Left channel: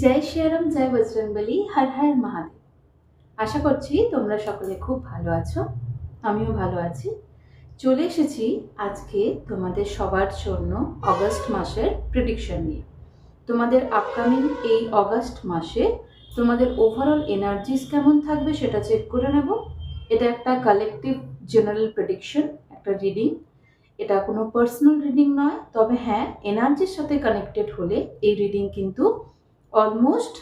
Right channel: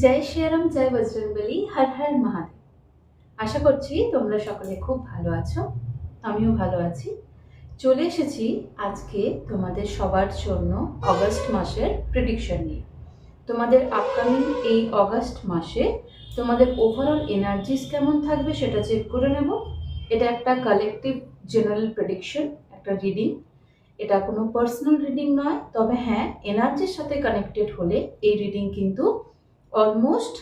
জয় শ্রীরাম, জয় বজরংবলী, হর হর মহাদেব। আশা করছি তোমরা সকলে খুব ভালো আছো। আমিও ভালো আছি। চলে এসেছি আজকে তোমাদের সবার জন্য অগস্ট মাসের প্রেডিকশন নিয়ে। তোমাদের আপকামিং এই অগস্ট মাসে তোমাদের ওভারঅল এনার্জিস কেমন থাকবে সেটা চেক করে নেব। এটা একটা কালেকটিভ জেনারেল প্রেডিকশন, একটা রিডিং। এটা কোনো পার্সোনাল রিডিং নয়, তবে হ্যাঁ, এনার্জির সাথে কানেক্টেড হলে এই রিডিং কিন্তু অলমোস্ট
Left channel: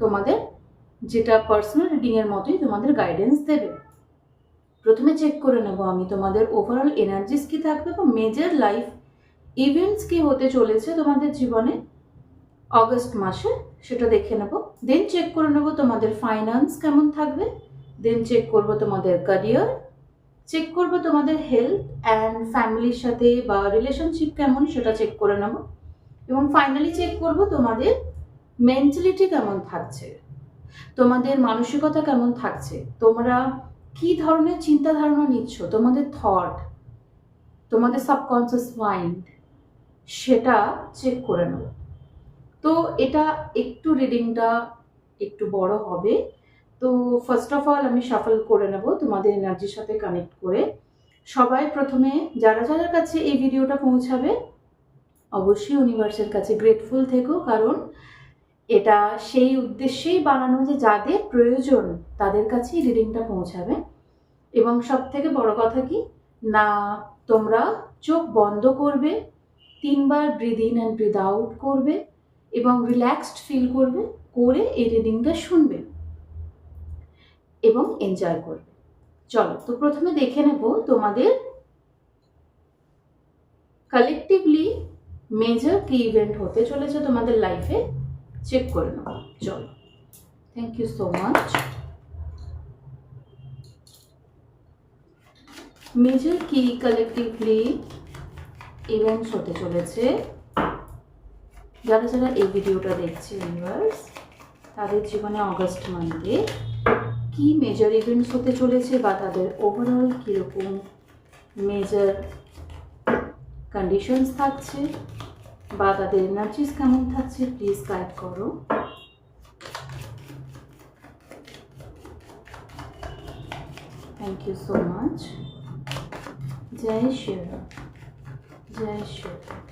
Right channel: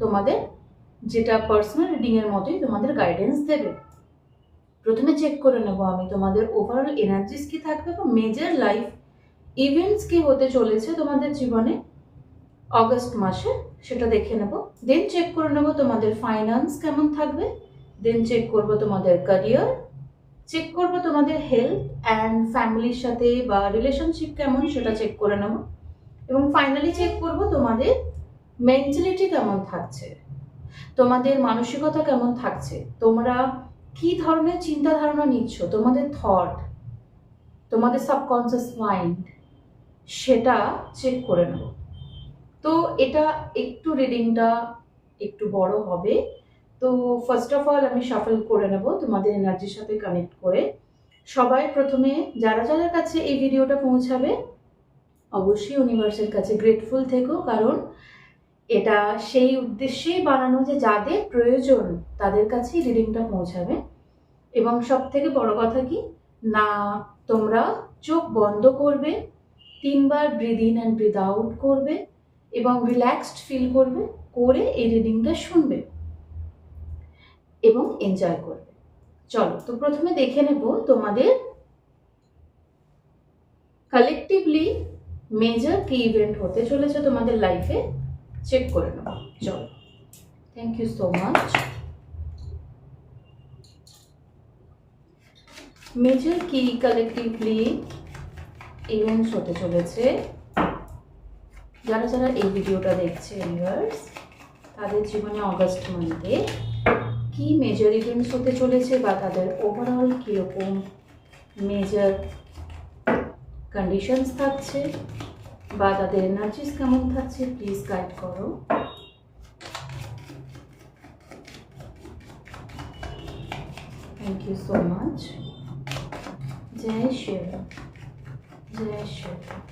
তোমাদের যেটা পার্সোনাল রিডিংয়ের মতোই তোমাদের গাইডেন্স দেবে। প্রথমে চেক করে নেব আমি তোমাদের ওভারঅল এনার্জিস কি থাকবে বা মেজর লাইফ ইভেন্টস কি হতে চলেছে তোমাদের জীবনে অগস্ট মাসে, সেটা দেখে নেব। দেন চেক করে নেব তোমাদের ফাইন্যান্স কেমন থাকবে। দেন চেক করব তোমাদের ক্যারিয়ার, চেক করব তোমাদের হেলথ অ্যান্ড ফ্যামিলির সাথে বা রিলেশনশিপ কেমন সেটা চেক করে নেব। এবং ফাইনালি চেক করব তোমাদের মেন্টালিটি কেমন থাকছে, তোমাদের মানসিকতা কেমন থাকছে, তোমরা কি ধরনের চিন্তা ধারণা নিচ্ছ, তোমাদের থট, তোমাদের সাবকনসিয়াস মাইন্ড, সেটা চেক করে নেব। তো এটা একটু রিডিংটা একটু বড় হবে, তো ফার্স্ট অফ অল আমি শাফল করে নেব তোমাদের এনার্জির সাথে কানেক্ট করে। সবাই প্রথমে যারা যাদের কাছে এই ভিডিওটা পৌঁছাবে অবশ্যই ইউনিভার্সের কাছে গ্রেটফুল থেকো, কারণ এটা সেই উদ্দেশ্যেই বানানো যে যাদের প্রয়োজন তাদের কাছেই রিডিংটা পৌঁছাবে। এবং সব থেকে বড় কথা কি না, তোমরা চোখ বন্ধ করবে, 3বার breathe in and breathe out করবে এবং রিল্যাক্সড ফিল করবে, করে এই রিডিংটা শুনবে এবং এনজয় করবে। চলো, তো প্রথমে দেখে নেব তোমাদের কালেকটিভলি মেজর কি ইভেন্ট হতে চলেছে তোমাদের লাইফে, চেক করে নেব। চলো, thank you so much. Major কি কালেকটিভলি ইভেন্টস হতে চলেছে যারা যারা এই ভিডিওটা দেখছে ইউনিভার্স, তাদের জীবনে অগস্ট মান্থে কি মেজর ইভেন্টস হতে চলেছে বা তাদের ওভারঅল কীরকম মেজর কন্ডিশনস থাকছে বা তাদের এনার্জিস কেমন থাকছে, প্লিজ গাইড করো। Thank you so much. জয় শ্রীরাম, জয় শ্রীরাম,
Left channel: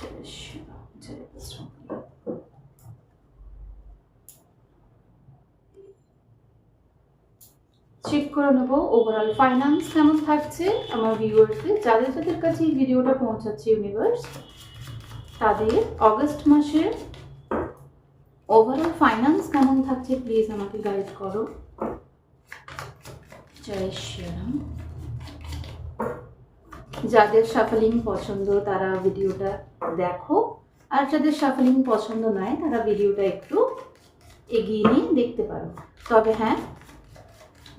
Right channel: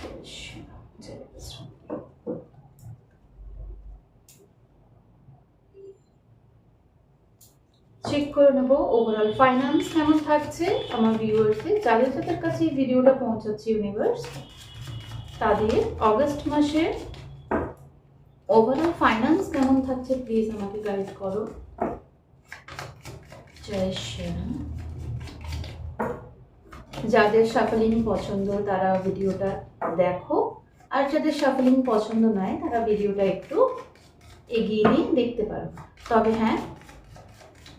জয় শ্রীরাম, জয় বজরং। চেক করে নেব ওভারঅল ফাইন্যান্স কেমন থাকছে আমার ভিউয়ার্সদের, যাদের যাদের কাছে এই ভিডিওটা পৌঁছাচ্ছে ইউনিভার্স, তাদের অগস্ট মাসে ওভারঅল ফাইন্যান্স কেমন থাকছে প্লিজ আমাকে গাইড করো। জয় শ্রীরাম। যাদের শাফলিং পছন্দ তারা ভিডিওটা দেখো, আর যাদের শাফলিং পছন্দ নয় তারা ভিডিওটা একটু এগিয়ে নিয়ে দেখতে পারো। তবে হ্যাঁ,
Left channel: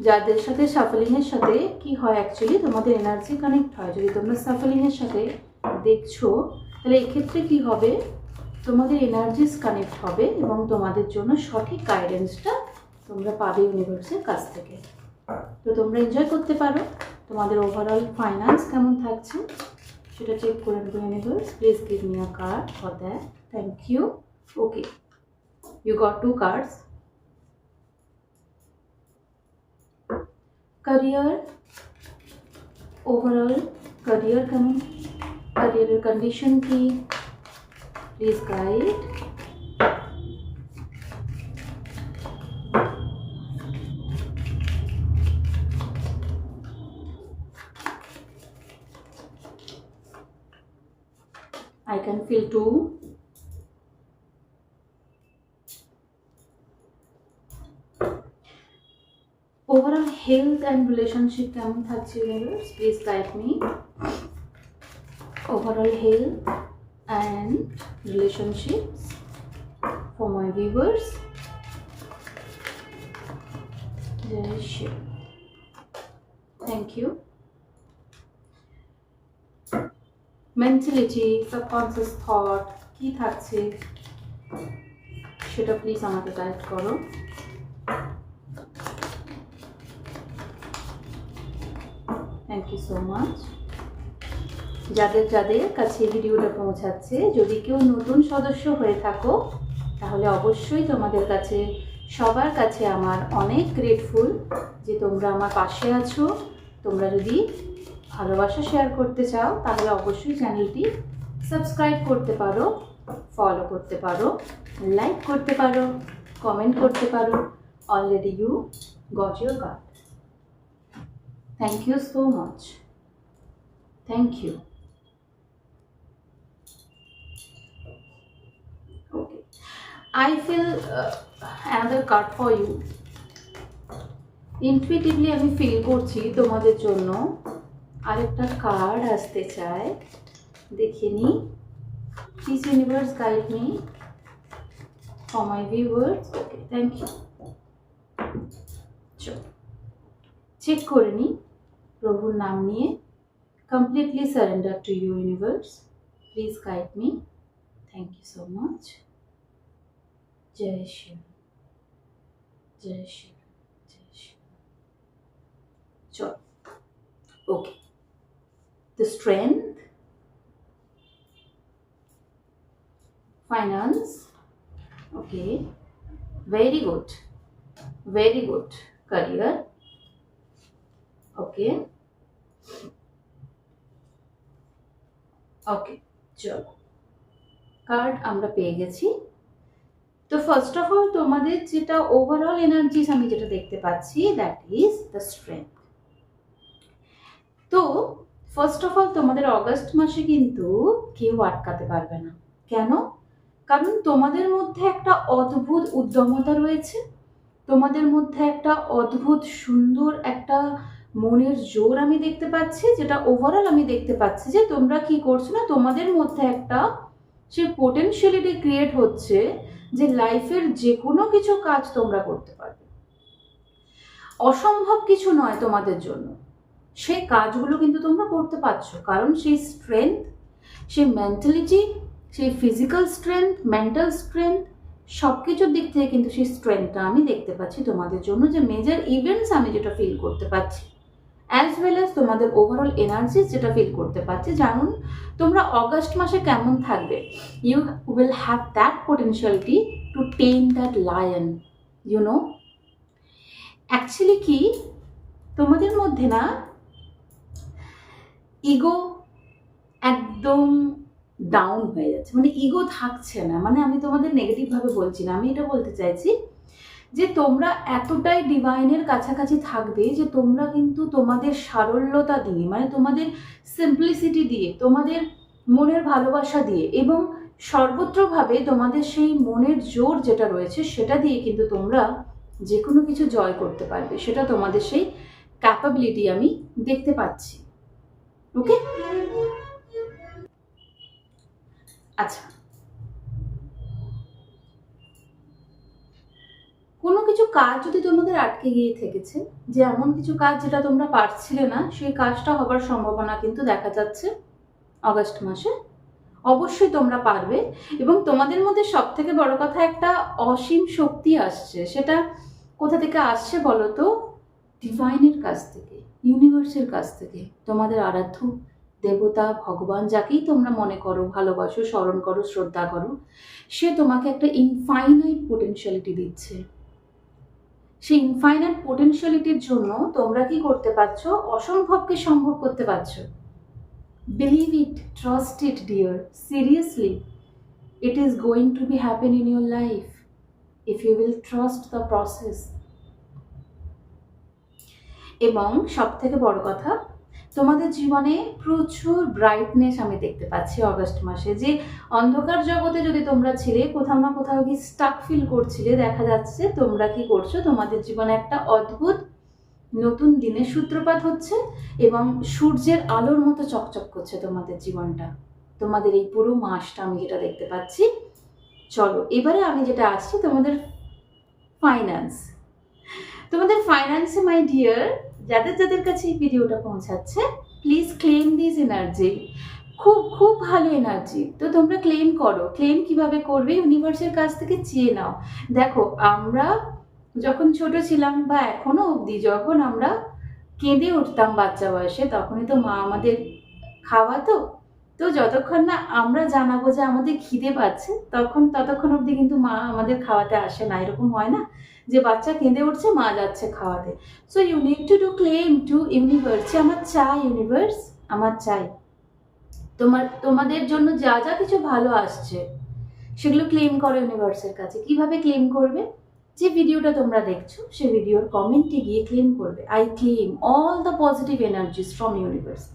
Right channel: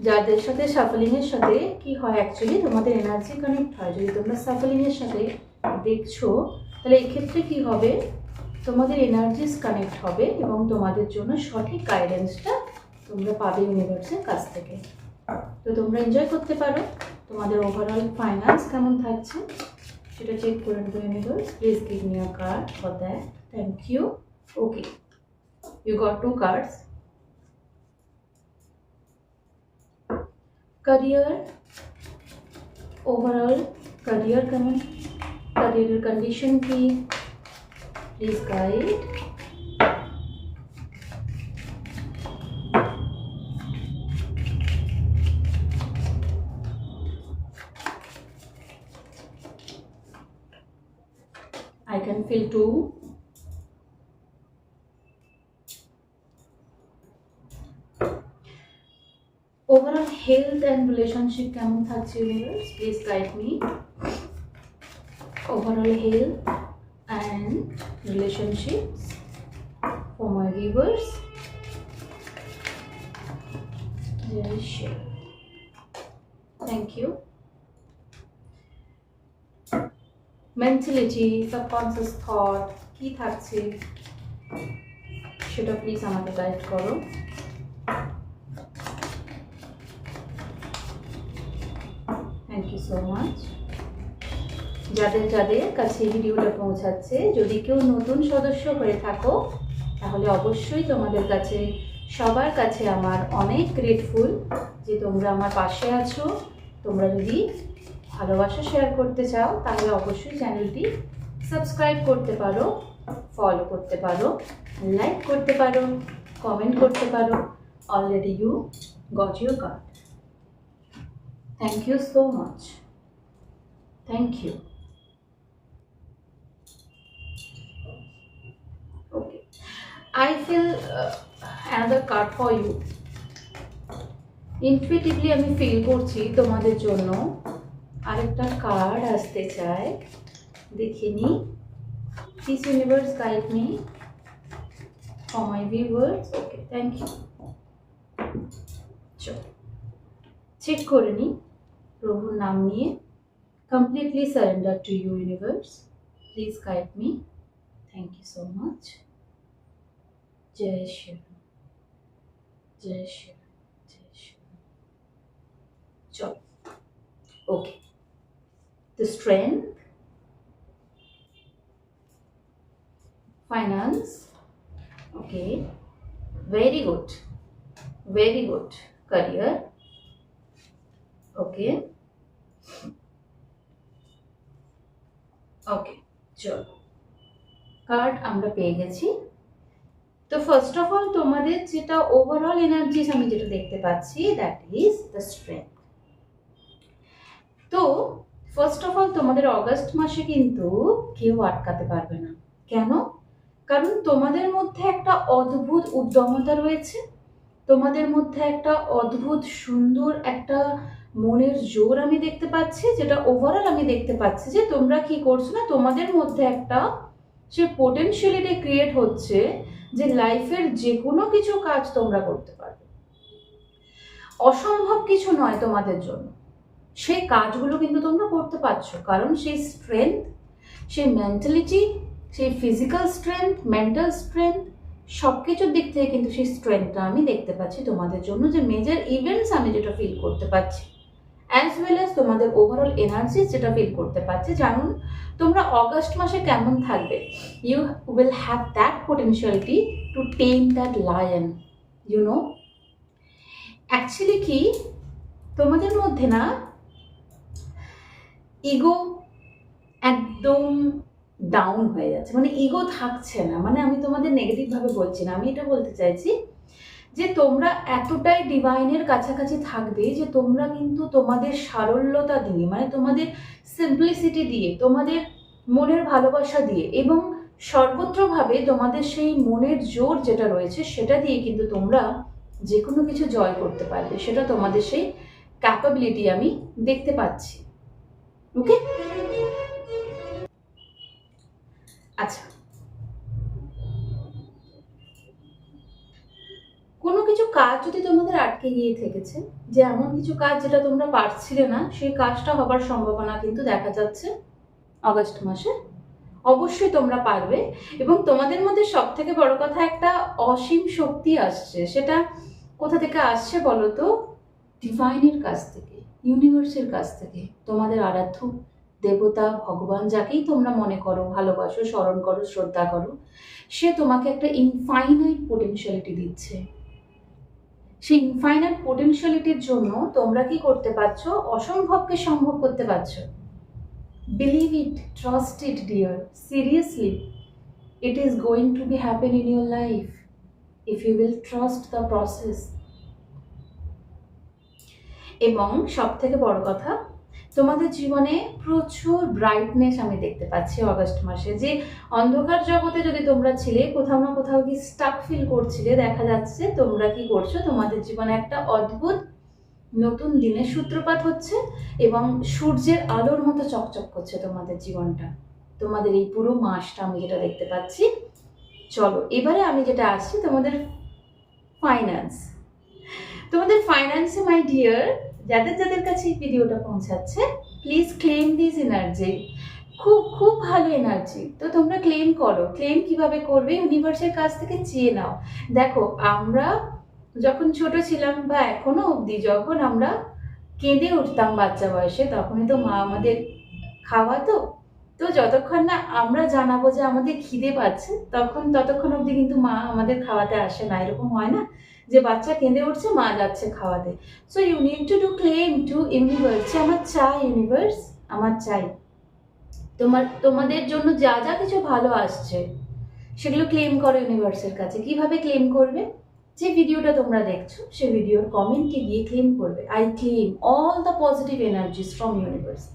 যাদের সাথে শাফলিংয়ের সাথে কি হয়, অ্যাকচুয়ালি তোমাদের এনার্জি কানেক্ট হয়। যদি তোমরা শাফলিংয়ের সাথে দেখছো তাহলে এক্ষেত্রে কি হবে, তোমাদের এনার্জিস কানেক্ট হবে এবং তোমাদের জন্য সঠিক গাইডেন্সটা তোমরা পাবে ইউনিভার্সের কাছ থেকে। তো তোমরা এনজয় করতে পারো। তোমাদের ওভারঅল ফাইন্যান্স কেমন থাকছে সেটা চেক করে নেবো universe. Please give me a card for that. Thank you. Okay, you got 2 cards. Career, overall career condition की please guide. I can feel 2. Overall health and relationship কেমন থাকছে universe, please guide me. Overall health and relationships for my viewers. Jai Shri. Thank you. Mentality, subconscious thought কি থাকছে সেটা please আমাকে guide করো। Thank you so much. যাদের যাদের কাছে ভিডিওটা পৌঁছাচ্ছে, যদি কেউ নতুন সদস্য হয়ে থাকো তাহলে তাহলে অবশ্যই তোমাদের কাছে সবার কাছে আমার অনেক গ্রেটফুল যে তোমরা আমার পাশে আছো। তোমরা যদি ভালোবাসা শেয়ার করতে চাও তাহলে অবশ্যই চ্যানেলটি সাবস্ক্রাইব করতে পারো, ফলো করতে পারো, লাইক করতে পারো, কমেন্ট করতে পারো। Already you got your card. Thank you so much. Thank you. Okay. I feel another card for you. Intuitively আমি ফিল করছি তোমাদের জন্য আরেকটা কার্ড আসতে চায়। দেখে নি। Please universe guide me for my viewers. Okay, thank you. চলো চেক করে নি প্রভুর নাম নিয়ে। Completely surrender to you universe. Please guide me. Thank you so much. Jai Shri Ram. Jai Shri Ram. Jai Shri Ram. Chalo. Okay. The strength, finance. Okay. Very good. Very good. Career. Okay. Okay. চলো card আমরা পেয়ে গেছি। তো first of all তোমাদের যেটা overall energies আমি যেটা দেখতে পাচ্ছি দ্যাট ইজ দ্য স্ট্রেংথ। তো ফার্স্ট অফ অল তোমাদের অগস্ট মাসে কিন্তু কেউ আটকাতে পারবে না। কেন? কারণ তোমাদের মধ্যে একটা অদ্ভুত উদ্যমতা রয়েছে, তোমাদের মধ্যে একটা অদ্ভুত সুন্দর একটা মনের জোর আমি দেখতে পাচ্ছি, যেটা ওভারঅল আমি দেখতে পাচ্ছি যে তোমরা কি করছো না, তোমাদের মধ্যে একটা সেই পোটেনশিয়ালিটি ক্রিয়েট হচ্ছে যে লাইফের যে কোনো কিছু কাজ তোমরা করতে পারবে। অসম্ভব কিছু নয় তোমাদের জন্য, সেই কাজগুলো কিন্তু তোমরা করতে পারছো। কারণ সেই স্ট্রেংথ, সেই মেন্টালিটি, সেই ফিজিক্যাল স্ট্রেংথ, মেন্টাল স্ট্রেংথ, সব কিছুর দিক থেকে কিন্তু সেই স্ট্রেংথটা আমি দেখতে পাচ্ছি তোমাদের জন্য। যে মেজর ইভেন্টস আমি যেটা ফিল করতে পারছি, অ্যাজ ওয়েল অ্যাজ তোমাদের ওভারঅল এনার্জি যেটা ফিল করতে পারছি। যেমন তোমরা অগস্ট মাসে কেমন থাকবে, you will have that potentiality to tame that lion, you know. Actually কি তোমাদের মধ্যে না ইগো একদম ডাউন হয়ে যাচ্ছে, মানে ইগো থাকছে না। মানে আমি তোমাদের নেগেটিভভাবে বলছি না, আমি এটা বলতে চাইছি যে তোমরা এতটাই ডিভাইনের কাছাকাছি থাকবে যে তোমরা কিন্তু তোমাদের সারল্যতা দিয়ে, মানে তোমাদের সিম্পলিসিটি দিয়ে, তোমাদের মনের ভালোবাসা দিয়ে এবং সর্বত্রভাবে তোমাদের সেই মনের জোর যেটা রয়েছে সেটা দিয়ে কিন্তু তোমরা যে কোনো কিছু জয় করতে পারবে। সেটা তোমাদের সেই ক্যাপাবিলিটি আমি দেখতে পাচ্ছি। ওকে, আচ্ছা, কোনো কিছু কাজ যদি তোমাদের আটকে গিয়ে থেকেছে, যে এমন কিছু কাজ যেটা তোমরা পারছিলে না, সেই কাজটা হবার সম্ভাবনা কিন্তু দেখা যাচ্ছে অগস্ট মাসে। অবশ্যই তোমরা পারবে এবং তোমাদের মধ্যে সব থেকে বড় কথা একটা অসীম শক্তি আসছে। সেটা কোথা থেকে আসছে বলো তো? ডিভাইনের কাছ থেকে, ইউনিভার্সের কাছ থেকে। তোমাদের আরাধ্য দেবতা, ভগবান, যাকেই তোমরা মনে করো, ভালোবাসো, স্মরণ করো, শ্রদ্ধা করো, সে তোমাকে একটা ইনফাইনাইট পোটেনশিয়ালিটি দিচ্ছে। সেই ইনফাইনাইট পোটেনশিয়ালিটির জন্য তোমরা কি করতে পারছো? অসম্ভবকে সম্ভব করতে পারছো। Believe it, trust it, dear. Seriously, it is going to be happen in your life if you will trust the process. এবং সব থেকে বড় কথা, তোমাদের জীবনে প্রচুর ব্রাইটনেস আমি দেখতে পাচ্ছি অগস্ট মাসে। যে অন্ধকার জগতে যদি তোমরা ছিলে, কোথাও না কোথাও কি স্টাক ফিল করছিলে, দেখা যাচ্ছে তোমরা কি করছো, তোমাদের জীবনে একটা অদ্ভুত নতুন দিনের সূত্রপাত হচ্ছে এবং সূর্যের আলোর মতো চকচক করছে তোমাদের জীবনটা, তোমাদের এই পুরো মাসটা আমি যেটা দেখতে পাচ্ছি। চলো এবারে আমি যেটা আসছি তোমাদের ফাইন্যান্স। তোমাদের ফাইন্যান্সে মাই ডিয়ার, যাদের যাদের কাছে এই ভিডিওটা পৌঁছাচ্ছে, প্লিজ ক্লেম দিস এনার্জি। খুব খুব ভালো এনার্জি। তো তোমরা ক্লেম করো। ক্লেম কিভাবে করবে? ইউনিভার্সের কাছ থেকে চেয়ে নাও। দেখো, আমরা যখন ছোট ছিলাম বা এখনো অবধি যখন আমরা কেঁদে উঠতাম বাচ্চা বয়সে, তখনই তো মা আমাদের খাওয়াতো, তো যতক্ষণ না আমরা জানাবো যে আমাদের খিদে পাচ্ছে, ততক্ষণ অবধি কিন্তু মা আমাদের খাওয়াতে আসে না। এরকম হয় না যে বাচ্চা কেঁদে উঠছে, মা যাচ্ছে খাওয়াতে। So you need to do claim to universe, যে আমার চাই ইউনিভার্স, আমার চাই তোমাদের জন্য যা যা কিছু ভালো আসছে সেগুলো ক্লেম করো ইউনিভার্সের কাছে। কিভাবে ক্লেম করবে? যে ভিডিওটা তোমরা দেখছো সেই ভিডিওর কমেন্টে গিয়ে ক্লেম করবে, I claim all the positive energies from universe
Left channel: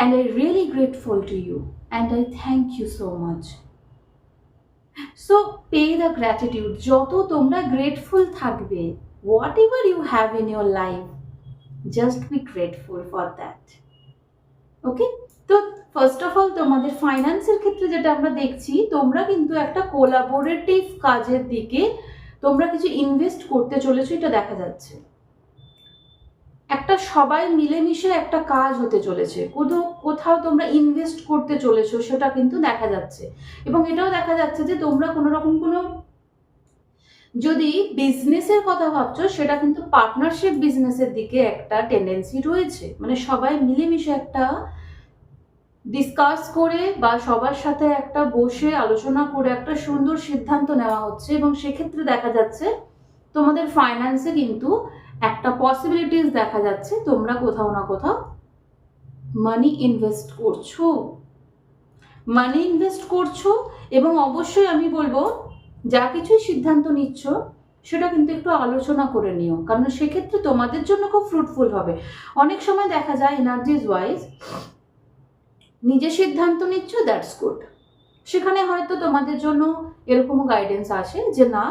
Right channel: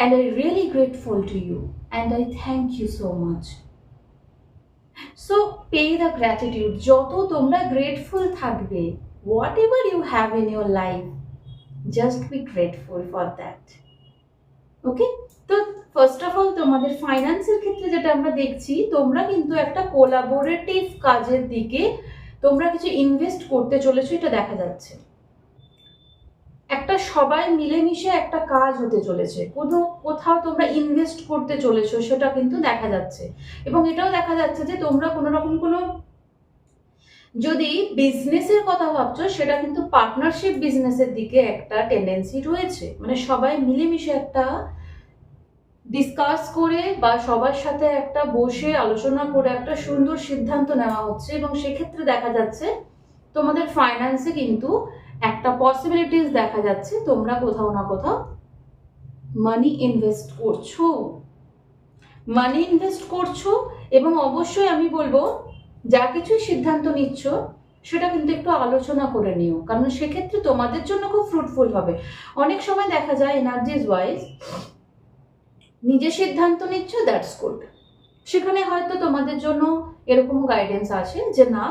and I really grateful to you and I thank you so much. So pay the gratitude. যত তোমরা grateful থাকবে, whatever you have in your life, just be grateful for that. ওকে? তো first of all তোমাদের ফাইন্যান্সের ক্ষেত্রে যেটা আমরা দেখছি, তোমরা কিন্তু একটা কোলাবোরেটিভ কাজের দিকে তোমরা কিছু ইনভেস্ট করতে চলেছো, এটা দেখা যাচ্ছে। একটা সবাই মিলেমিশে একটা কাজ হতে চলেছে, কোথাও তোমরা ইনভেস্ট করতে চলেছো, সেটা কিন্তু দেখা যাচ্ছে। এবং এটাও দেখা যাচ্ছে যে তোমরা কোনো রকম কোনো যদি বিজনেসের কথা ভাবছো, সেটা কিন্তু পার্টনারশিপ বিজনেসের দিকে একটা টেন্ডেন্সি রয়েছে। মানে সবাই মিলেমিশে একটা ডিসকাস করে বা সবার সাথে একটা বসে আলোচনা করে একটা সুন্দর সিদ্ধান্ত নেওয়া হচ্ছে, এবং সেক্ষেত্রে দেখা যাচ্ছে তোমাদের ফাইন্যান্সে কিন্তু একটা পসিবিলিটিস দেখা যাচ্ছে, তোমরা কোথাও না কোথাও মানি ইনভেস্ট করছো। এবং অবশ্যই আমি বলবো, যা কিছুই সিদ্ধান্ত নিচ্ছ সেটা কিন্তু একটু আলোচনা করে নিও, কারণ সেক্ষেত্রে তোমাদের জন্য খুব ফ্রুটফুল হবে। অনেক সময় দেখা যায় এনার্জিজ ওয়াইজ নিজে সিদ্ধান্ত নিচ্ছ, দ্যাটস গুড, সেখানে হয়তো তোমাদের জন্য এরকম গাইডেন্স আসে যে না,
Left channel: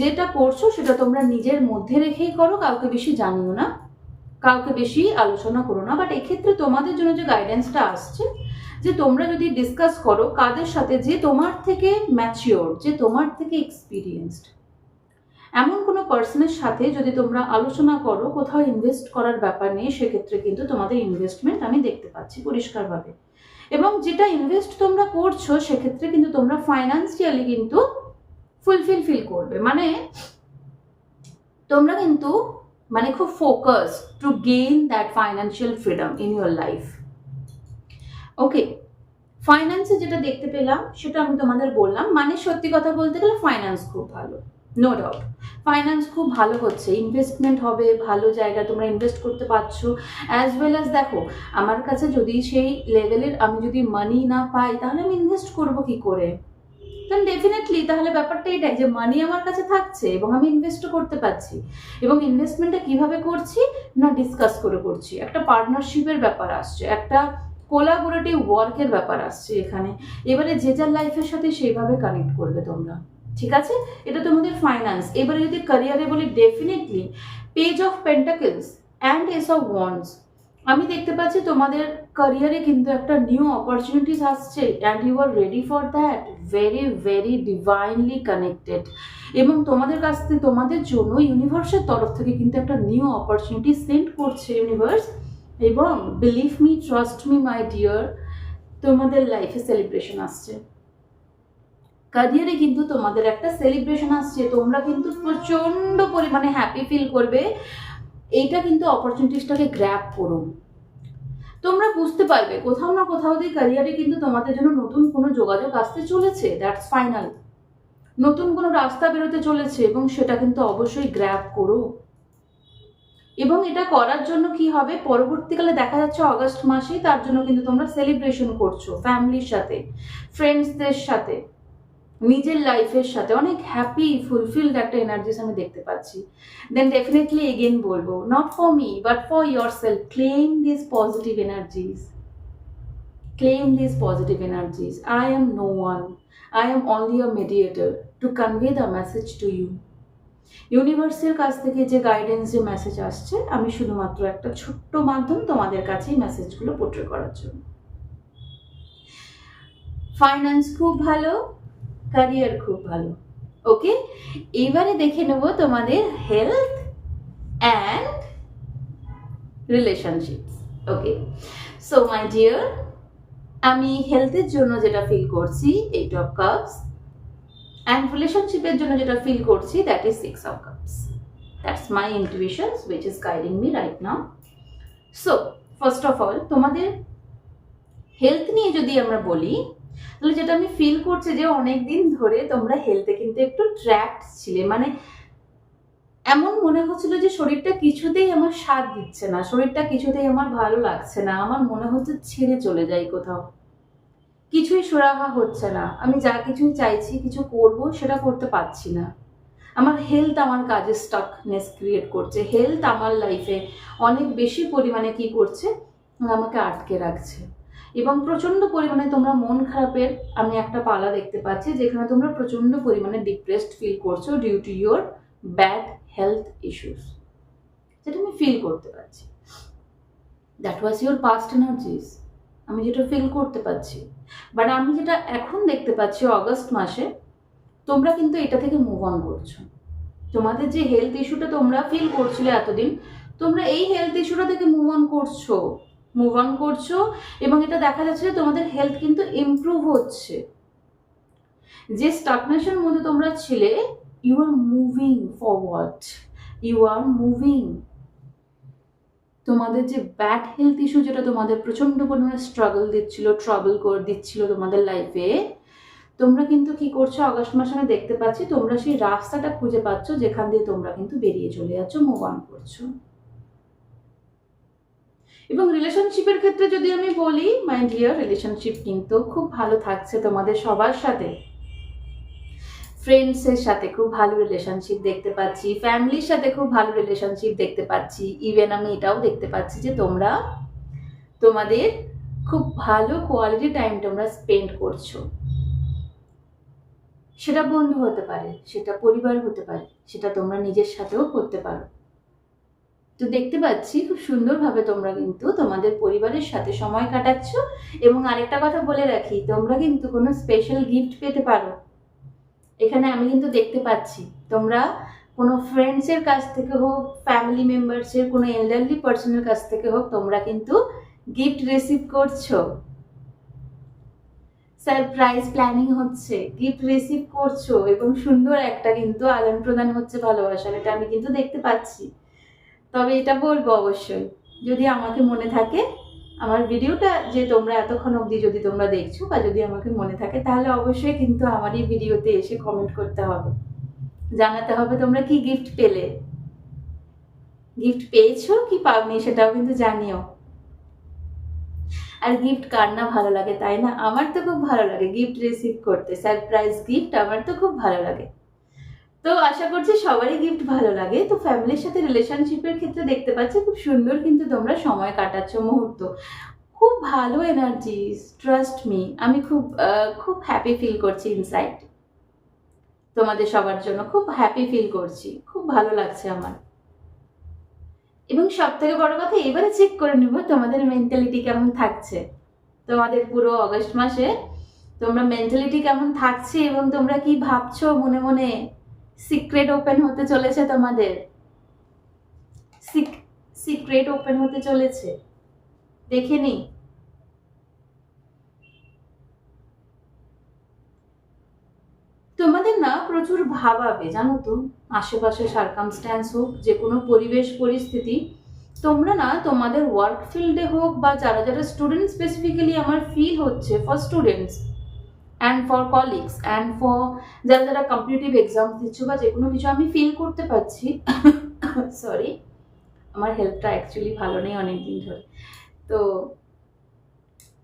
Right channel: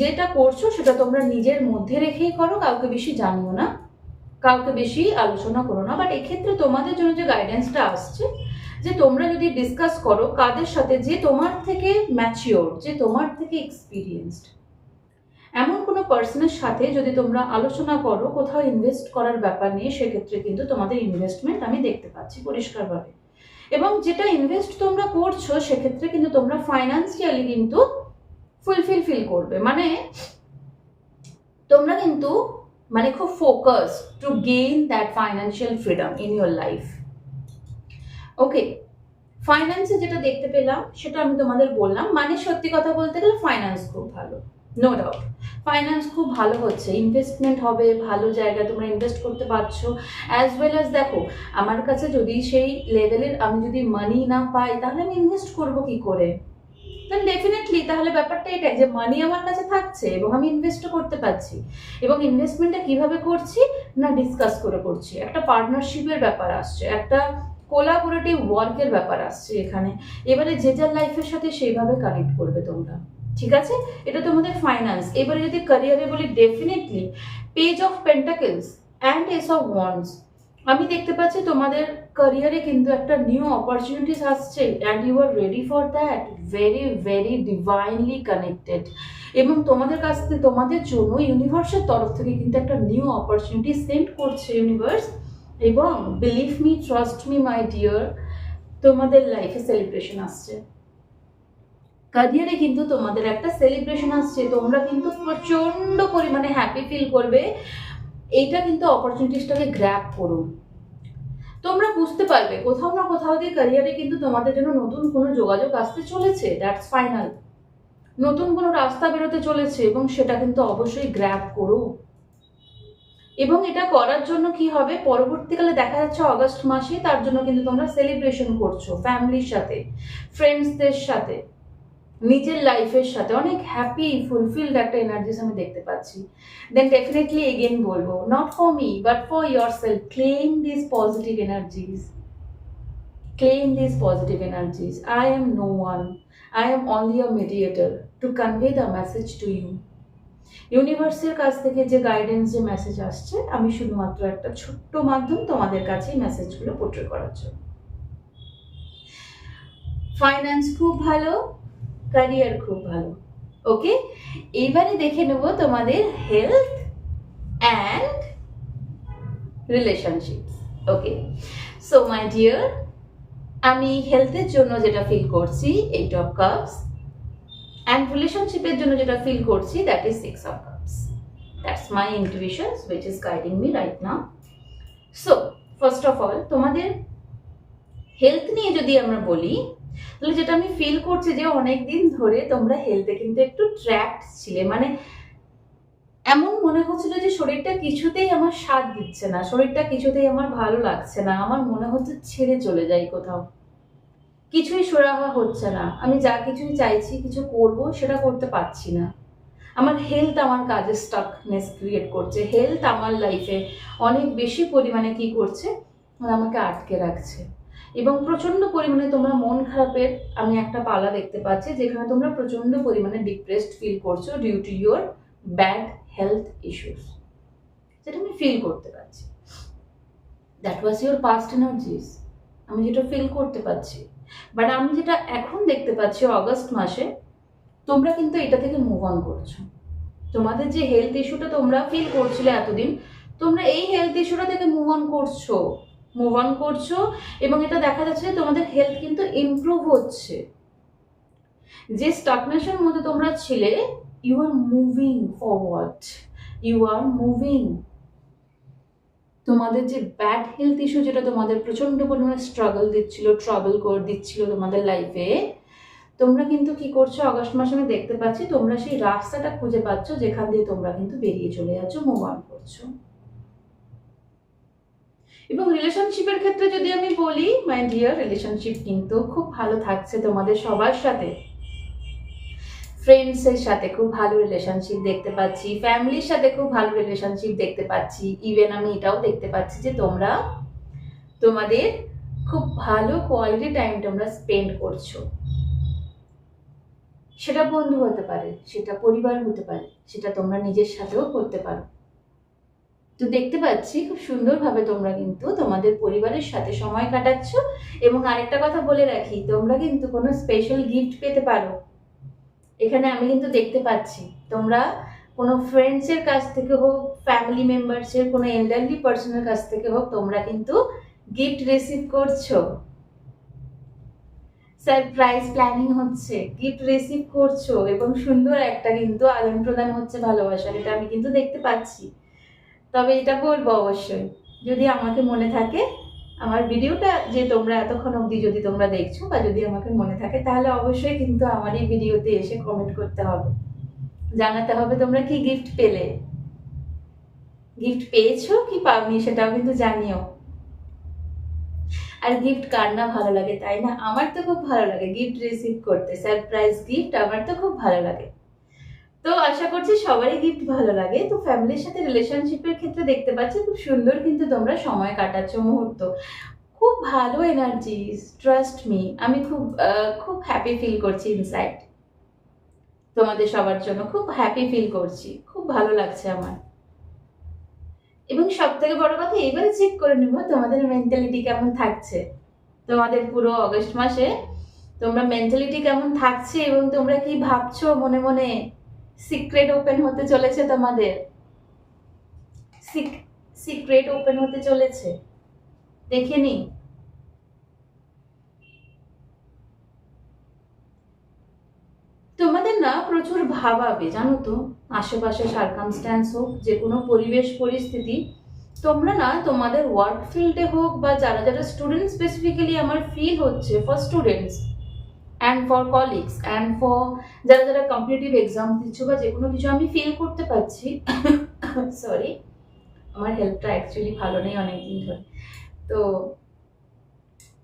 যেটা করছো সেটা তোমরা নিজের মধ্যে রেখেই করো, কাউকে বেশি জানিও না, কাউকে বেশি আলোচনা করো না। বাট এক্ষেত্রে তোমাদের জন্য যে গাইডেন্সটা আসছে, যে তোমরা যদি ডিসকাস করো কাদের সাথে, যে তোমার থেকে ম্যাচিওর, যে তোমার থেকে এক্সপিরিয়েন্সড, এমন কোনো পার্সনের সাথে যদি তোমরা আলোচনা করো কোথাও ইনভেস্ট করার ব্যাপার নিয়ে, সেক্ষেত্রে কিন্তু তোমাদের ইনভেস্টমেন্ট আমি দেখতে পাচ্ছি পরিষ্কারভাবে। এবং যেটা ইনভেস্ট তোমরা করছো সেক্ষেত্রে কিন্তু তোমরা ফাইন্যান্সিয়ালি কিন্তু ফিল করবে। মানে তোমরা কিন্তু মানে খুব focus to gain that financial freedom in your life. Okay, ফাইন্যান্সে যেটা দেখতে পেলাম সেটা আমি তোমাদের বললাম। মানে সত্যি কথা বলতে গেলে ফাইন্যান্স খুব ভালো, নো ডাউট ফাইন্যান্স খুব ভালো হচ্ছে, ইনভেস্টমেন্ট হবে, ভালো জায়গায় তোমরা ইনভেস্ট করতে পারছো। অ্যাজ ওয়েল অ্যাজ দেখো, আমার কাছে যদি সেই লেভেলের আমি যদি মানি না পাই, তাহলে আমি ইনভেস্ট করবো কি করে? দেন ডেফিনেটলি তাহলে ব্যাপারটা এটাই যে মানি আমার কাছে থাকছে এবং আমি ইনভেস্টও করতে পারছি। এবং ইনভেস্টমেন্টটা কিভাবে করছি না, ডিসকাস করে করছি, একটা পার্টনারশিপের ব্যাপার আসছে, একটা কোলাবোরেটিভ ওয়ার্কের ব্যাপার আসছে এখানে। এবারে যে যার লাইফের সাথে সেইভাবে কানেক্ট করবে তোমরা, ঠিক আছে? এটা তোমাদের ফাইন্যান্স। এবারে যদি ক্যারিয়ারে বলি, definitely page of pentacles and ace of wands, আমি দেখতে পাচ্ছি তোমাদের ক্যারিয়ারে কিন্তু একটা নিউ অপরচুনিটিস আসছে, and you are ready for that, very divinely connected. এবং তোমাদের কাছ থেকে, তোমাদের জন্য ইউনিভার্সের তরফ থেকে কিন্তু একটা নিউ অপরচুনিটি সেন্ড করছে ইউনিভার্স। এবং believe me, trust me my dear, তোমাদের লাইফে সেলিব্রেশন আসছে, ক্যারিয়ারে কিন্তু তোমাদের একটা সেলিব্রেশন আসছে, তোমরা কিন্তু প্রচন্ড পরিমাণে হ্যাপি ফিল করবে। এইটা কিন্তু অপরচুনিটিসটাকে গ্র্যাব করো, তোমরা বুঝতে পারবে কোথাও না কোথাও দিয়ে ক্যারিয়ারে কিন্তু তোমাদের জন্য নতুন কোনো যোগাযোগ আসতে চলেছে, দ্যাটস ফাইনাল, নতুন কোনো রাস্তা বেরোতে চলেছে, এবং সেটা কিন্তু অবশ্যই গ্র্যাব করো। এবং এটা করার জন্য কি হবে, পরবর্তীকালে দেখা যাচ্ছে অগস্ট মাসে, তার জন্য কিন্তু তোমরা সেলিব্রেশন করছো ফ্যামিলির সাথে, ফ্রেন্ডসদের সাথে, নিজের লাইফের সাথে, অনেক হ্যাপি ফুলফিলড একটা এনার্জিস আমি দেখতে পাচ্ছি। দেন ডেফিনেটলি এগেন বলবো, not for me but for your self, claim this positive energies, claim these positive energies. I am no one, I am only a mediator to convey the message to you. ইউনিভার্সের কাছ থেকে যে guidance, যে message আসছে, আমি শুধুমাত্র একটা ছোট্ট মাধ্যম তোমাদের কাছে মেসেজগুলো পোর্ট্রে করার জন্য। ফাইন্যান্স খুব ভালো, ক্যারিয়ার খুব ভালো। ওকে, এবারে দেখে নেব তোমাদের health and relationships. Okay, so my dear, আমি হেলথের জন্য যেটা ফিল করছি 8 of cups, and রিলেশনশিপের জন্য যেটা ফিল করছি that is 6 of cups. That's my intuitions which is guiding me right now. So first of all, তোমাদের হেলথ নিয়ে যদি আমরা বলি, তাহলে যেটা আমি ফিল করছি যে অনেকদিন ধরে তোমরা হেলথে কিন্তু একটু ট্র্যাপড ছিলে, মানে এমন মনে হচ্ছিল যে শরীরটা কিছুতেই আমার সাথ দিচ্ছে না, শরীরটা কিছুতেই আমার ভালো লাগছে না, আমার মনে হচ্ছে ছেড়ে চলে যাই কোথাও, কিছুই সুরাহা হচ্ছে না, আমি যা কিছুই চাইছি কিছু করব সেটা করতে পারছি না। আমার হেলথ আমার কাজে স্টাকনেস ক্রিয়েট করছে, হেলথ আমার লাইফে অনেক বেশি পরিমাণে কি করছে, আমাকে আটকে রাখছে। এবং প্রচন্ড পরিমাণে তোমরা মন খারাপের আমি একটা পালা দেখতে পাচ্ছি, যেখানে তোমরা প্রচন্ড পরিমাণে ডিপ্রেসড ফিল করছো due to your bad health issues, যেটা আমি ফিল করতে পারছি। That was your past energies, আমি যেটা ফিল করতে পারছি। বাট আমি যেটা এখন দেখতে পাচ্ছি অগস্ট মাসে, তোমরা কিন্তু এটা থেকে মুভ অন করছো। তোমাদের যে হেলথ ইস্যুটা তোমরা ফিল করছিলে এতদিন, তোমরা এই হেলথ ইস্যুটা থেকে মুভ অন করছো এবং এটা দেখা যাচ্ছে যে তোমাদের হেলথ কিন্তু ইমপ্রুভ হচ্ছে। যে স্টাগনেশনের মধ্যে তোমরা ছিলে, you are moving forward, you are moving. তোমাদের যে ব্যাড হেলথ ইস্যু, যেটা তোমাদের প্রচন্ড পরিমাণে স্ট্রাগল দিচ্ছিল, ট্রাবল করে দিচ্ছিল তোমাদের লাইফে, তোমরা কিন্তু কি করছো অগস্ট মাসে আমি দেখতে পাচ্ছি তোমরা সেই রাস্তাটা খুঁজে পাচ্ছ, যেখান দিয়ে তোমরা কিন্তু বেরিয়ে চলে যাচ্ছ, মুভ অন করছো। এবং রিলেশনশিপের ক্ষেত্রে যদি আমি বলি, মাই ডিয়ার, রিলেশনশিপ কিন্তু খুব ভালো থাকছে তোমাদের সবার সাথে। ফ্রেন্ডসের সাথে খুব ভালো রিলেশনশিপ দেখতে পাচ্ছি, ফ্যামিলির সাথে খুব ভালো রিলেশনশিপ দেখতে পাচ্ছি। ইভেন আমি এটাও দেখতে পাচ্ছি যে তোমরা তোমাদের খুব ভালো কোয়ালিটি টাইম তোমরা স্পেন্ড করছো। সেটা বন্ধু হতে পারে, সেটা পরিবার হতে পারে, সেটা তোমরা নিজের সাথেও করতে পারো। তো দেখতে পাচ্ছি খুব সুন্দরভাবে তোমরা কিন্তু তোমাদের পরিবারের সাথে সময় কাটাচ্ছ। এবং আরেকটা কথা বলে রাখি, তোমরা কিন্তু কোনো স্পেশাল গিফট পেতে পারো। এখানে আমি কিন্তু দেখতে পাচ্ছি তোমরা কোনো ফ্রেন্ডসের কাছ থেকে হোক, ফ্যামিলি মেম্বার্সের কোনো এল্ডারলি পার্সনের কাছ থেকে হোক, তোমরা কিন্তু গিফট রিসিভ করছো, সারপ্রাইজ প্ল্যানিং হচ্ছে, গিফট রিসিভ করছো এবং সুন্দর একটা কিন্তু আদান প্রদান হচ্ছে ভালোবাসার, এটা আমি কিন্তু দেখতে পাচ্ছি। তবে এটা বলবো অবশ্যই, যদি আমাকে মনে থাকে, আমার ভিডিওটা যে তোমরা এতক্ষণ অবধি যদি তোমরা দেখছো বা যদি আমাকে মনে থাকে, তাহলে অবশ্যই কিন্তু আমার এই ভিডিওতে এসে কমেন্ট করতে হবে, জানাতে হবে তোমরা কি গিফট পেলে, গিফট পেয়েছো কি পাওনি সেটাও কিন্তু জানিও। আর গিফট কার না ভালো লাগে, তাই না? আমার তো খুব ভালো লাগে গিফট রিসিভ করতে, সারপ্রাইজ গিফট আমার তো খুব ভালো লাগে। তো আশা করছি সবারই গিফট ভালো লাগে। তো ফ্যামিলির সাথে রিলেশনশিপের ক্ষেত্রে দেখতে পাচ্ছি খুব সুন্দর কিন্তু তোমরা সময় কাটাচ্ছ, মুহূর্ত, খুব ভালো এনার্জিস, ট্রাস্ট মি। আমি খুব হ্যাপি ফিল করছি ইনসাইড, তোমাদের সবার জন্য খুব হ্যাপি ফিল করছি, খুব ভালো লাগছে আমার। এবং সব থেকে বড় কথা, এবারে চেক করে নিব তোমাদের মেন্টালিটি কেমন থাকছে, তোমাদের পুরো অগস্ট মাসে তোমরা মেন্টালিটি কেমন থাকছে এবং তোমরা কি ভাবছো মনে মনে। সিক্রেট ওপেন হতে চলেছে তোমাদের, সিক্রেট ওপেন হতে চলেছে, দেখে নি। তোমাদের না প্রচুর ভাবাবে, জানো তো, আশেপাশে সার্কামস্ট্যান্স হোক, যে কোনো পরিবেশ পরিস্থিতি, তোমরা না তোমাদের ওয়ার্ক ফিল্ডে হোক বা যারা যারা স্টুডেন্ট, স্পেসিফিক্যালি আমার ফিল হচ্ছে for students and for colleagues and for যারা যারা কম্পিটিটিভ এক্সাম দিচ্ছ বা যে কোনো কিছু, আমি ফিল করতে পারছি সরি, আমার হেলথটা অ্যাকচুয়ালি ভালো নেই অনেকদিন ধরে, তো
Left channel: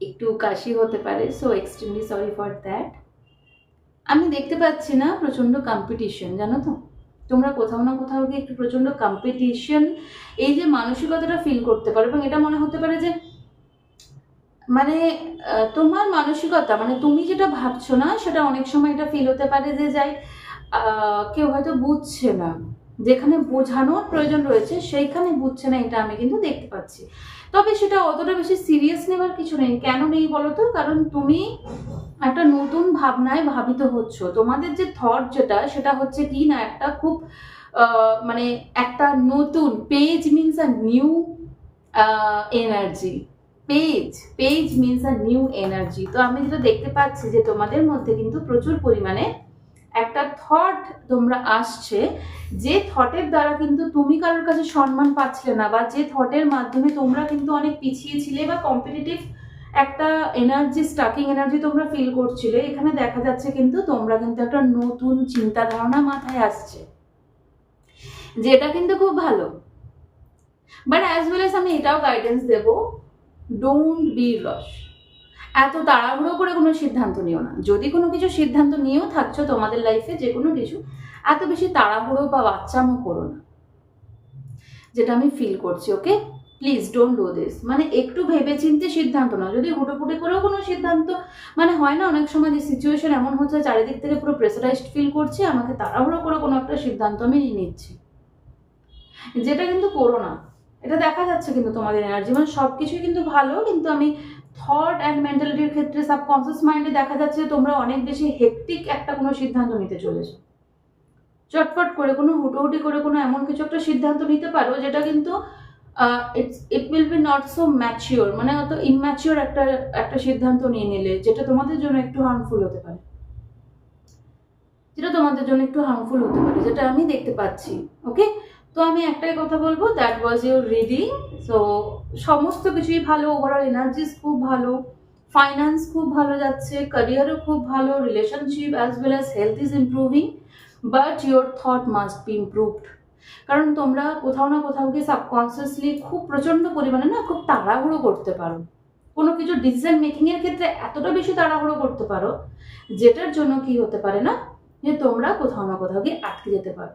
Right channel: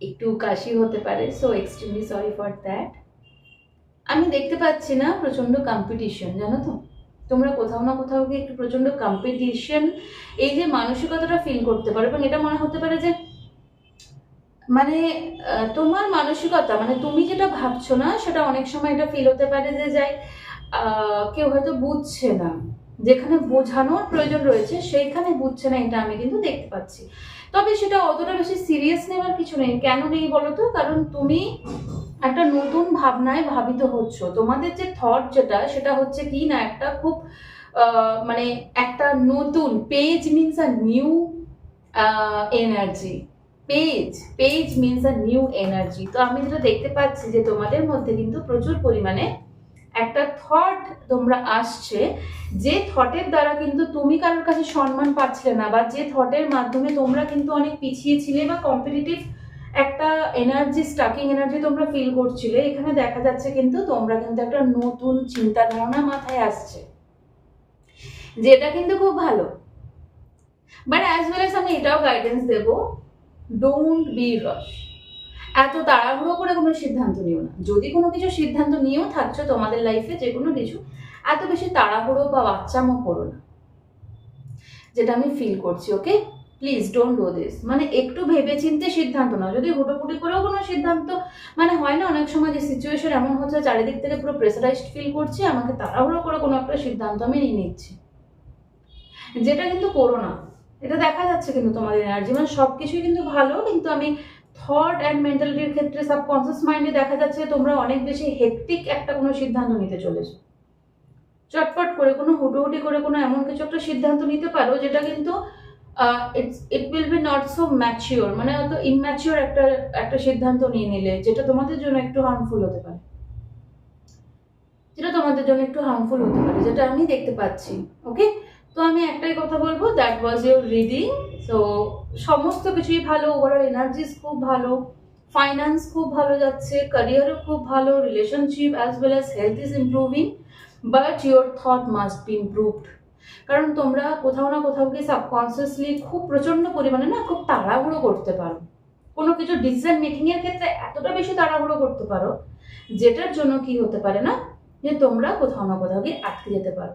একটু কাশি হতে পারে, so extremely sorry for that. আমি দেখতে পাচ্ছি না প্রচন্ড কম্পিটিশন, জানো তো, তোমরা কোথাও না কোথাও গিয়ে একটু প্রচন্ড কম্পিটিশন, এই যে মানসিকতাটা ফিল করতে পারো। এবং এটা মনে হতে পারে যে মানে তোমার মানসিকতা, মানে তুমি যেটা ভাবছো না সেটা অনেক সময় এটা ফিল হতে পারে যে যাই কেউ হয়তো বুঝছে না, যেখানে বোঝানোর প্রয়োজন রয়েছে সেইখানে বুঝছে না, এটা আমি কিন্তু দেখতে পাচ্ছি। তবে সেটা অতটা বেশি সিরিয়াস নেওয়ার কিছু নেই। কেন নেই বলো তো? কারণ তুমি একটা নতুন ভাবনায় ভাবিত হচ্ছ। তোমাদের যে থট যেটা, সেটা হচ্ছে কি না, একটা খুব মানে একটা নতুন page means a new energy, page means a new energy. তো আমি যেটা দেখতে পাচ্ছি যে তোমাদের মধ্যে কিন্তু প্রচুর পরিমাণে একটা থট তোমরা আসছে, যে থটের দ্বারা কিন্তু তুমি কারোর কাছে সম্মান পাচ্ছিলে না, বা যে থটের মাধ্যমে তোমরা কিন্তু অনেক পিছিয়ে ছিলে বা কম্পিটিটিভ একটা এনার্জি, স্টাকিং এনার্জি তোমরা ফিল করছিলে, এখানে দেখা যাচ্ছে কিন্তু তোমরা কিন্তু একটা নতুন চিন্তা ধারণা মাথায় আসছে, যেটা কিন্তু খুব ভালো। বাট অ্যাজ ওয়েল এস আমি এটাও গাইডেন্স দেব, ডোন্ট বি রাশ। এত তাড়াহুড়ো করে কোনো সিদ্ধান্ত নিও না। যদি কোনো কিছু সিদ্ধান্ত নিয়েও থাকছো তোমাদের লাইফে যে কোনো কিছু, এত বেশি তাড়াহুড়ো বা বাচ্চামো করো না, যেটা আমি ফিল করছি। ওকে, প্লিজ ডোন্ট ডু দিস। মানে একটু ভেবে চিন্তে সিদ্ধান্ত নাও। যদি হুটোপুটি করেও কোনো সিদ্ধান্ত, মানে হয় না অনেক সময় যে সিচুয়েশন এমন হচ্ছে চারিদিক থেকে পুরো প্রেসারাইজড ফিল করছি, আমাকে তাড়াহুড়ো করে কোনো একটা সিদ্ধান্ত আমি নিয়ে নিচ্ছি, যেটা কিন্তু করো না। এটা দেখা যাচ্ছে কিন্তু তোমাদের এনার্জি, মানে সবকিছুই কিন্তু ভালো, কিন্তু আমি থট অ্যান্ড মেন্টালিটির ক্ষেত্রে সাবকনসিয়াস মাইন্ডে দেখা যাচ্ছে তোমরা অনেক বেশি হেক্টিক একটা কোনো সিদ্ধান্ত নিতে চলেছো। চটপট করে কোনো হুটোহুটি করে কোনো এমন কিছু একটা সিদ্ধান্ত নিতে পারো যেটা কিন্তু it will be not so mature, মানে অত ইম্যাচিওর একটা একটা সিদ্ধান্ত নিয়ে নিলে, যেটা তোমাদের জন্য একটু হার্মফুল হতে পারে, যেটা আমি দেখতে পাচ্ছি। ওকে, তো আমি একটাই কথা বলবো, that was your reading. So সমস্ত কিছুই ভালো, ওভারঅল এনার্জিস খুব ভালো, ফাইন্যান্স খুব ভালো যাচ্ছে, ক্যারিয়ারও খুব ভালো, relationship as well as health is improving, but your thought must be improved. কারণ তোমরা কোথাও না কোথাও গিয়ে সাবকনসিয়াসলি খুব প্রচন্ড পরিমাণে না খুব তাড়াহুড়ো করতে পারো, কোনো কিছু ডিসিশন মেকিং এর ক্ষেত্রে এতটা বেশি তাড়াহুড়ো করতে পারো, যেটার জন্য কি হতে পারে না, যে তোমরা কোথাও না কোথাও গিয়ে আটকে যেতে পারো।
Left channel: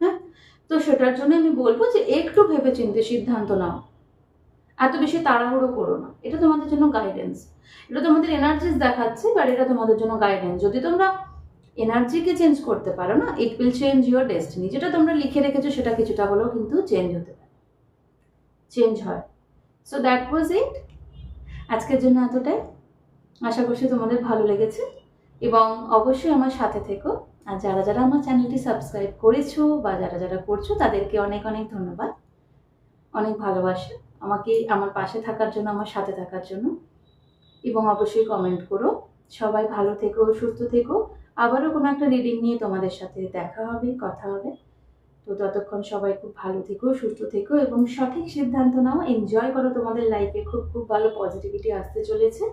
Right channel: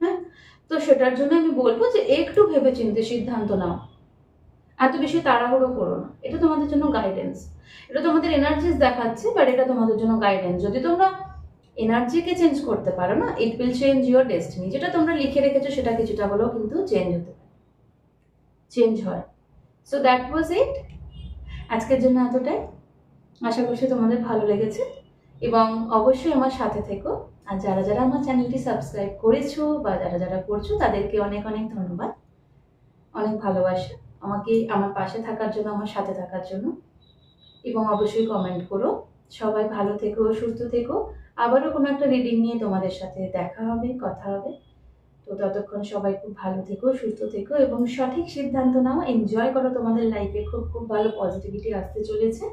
হ্যাঁ, তো সেটার জন্য আমি বলবো যে একটু ভেবে চিন্তে সিদ্ধান্ত নাও, এত বেশি তাড়াহুড়ো করো না। এটা তোমাদের জন্য গাইডেন্স, এটা তোমাদের এনার্জিস দেখাচ্ছে, বাট এটা তোমাদের জন্য গাইডেন্স। যদি তোমরা এনার্জিকে চেঞ্জ করতে পারো না, it will change your destiny. যেটা তোমরা লিখে রেখেছো সেটা কিছুটা হলেও কিন্তু চেঞ্জ হতে পারে, চেঞ্জ হয়। সো দ্যাট ওয়াজ ইট, আজকের জন্য এতটাই। আশা করছি তোমাদের ভালো লেগেছে, এবং অবশ্যই আমার সাথে থেকো। আর যারা যারা আমার চ্যানেলটি সাবস্ক্রাইব করেছো বা যারা যারা করছো, তাদেরকে অনেক অনেক ধন্যবাদ, অনেক ভালোবাসা আমাকে, আমার পাশে থাকার জন্য, আমার সাথে থাকার জন্য। এবং অবশ্যই কমেন্ট করো। সবাই ভালো থেকো, সুস্থ থেকো। আবারও কোনো একটা রিডিং নিয়ে তোমাদের সাথে দেখা হবে, কথা হবে। তো ততক্ষণ সবাই খুব ভালো থেকো, সুস্থ থেকো এবং সঠিক সিদ্ধান্ত নাও, এনজয় করো তোমাদের লাইফে। খুব খুব ভালো পজিটিভিটি আসতে চলেছে।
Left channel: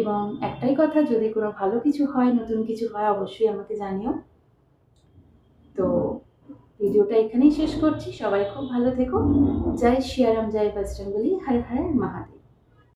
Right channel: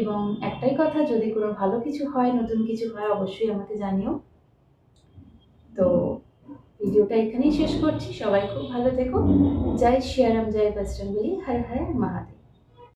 এবং একটাই কথা, যদি কোনো ভালো কিছু হয়, নতুন কিছু হয়, অবশ্যই আমাকে জানিও। তো ভিডিওটা এখানেই শেষ করছি। সবাই খুব ভালো থেকো। জয় শ্রী রাম, জয় বজরংবলী, হর হর মহাদেব।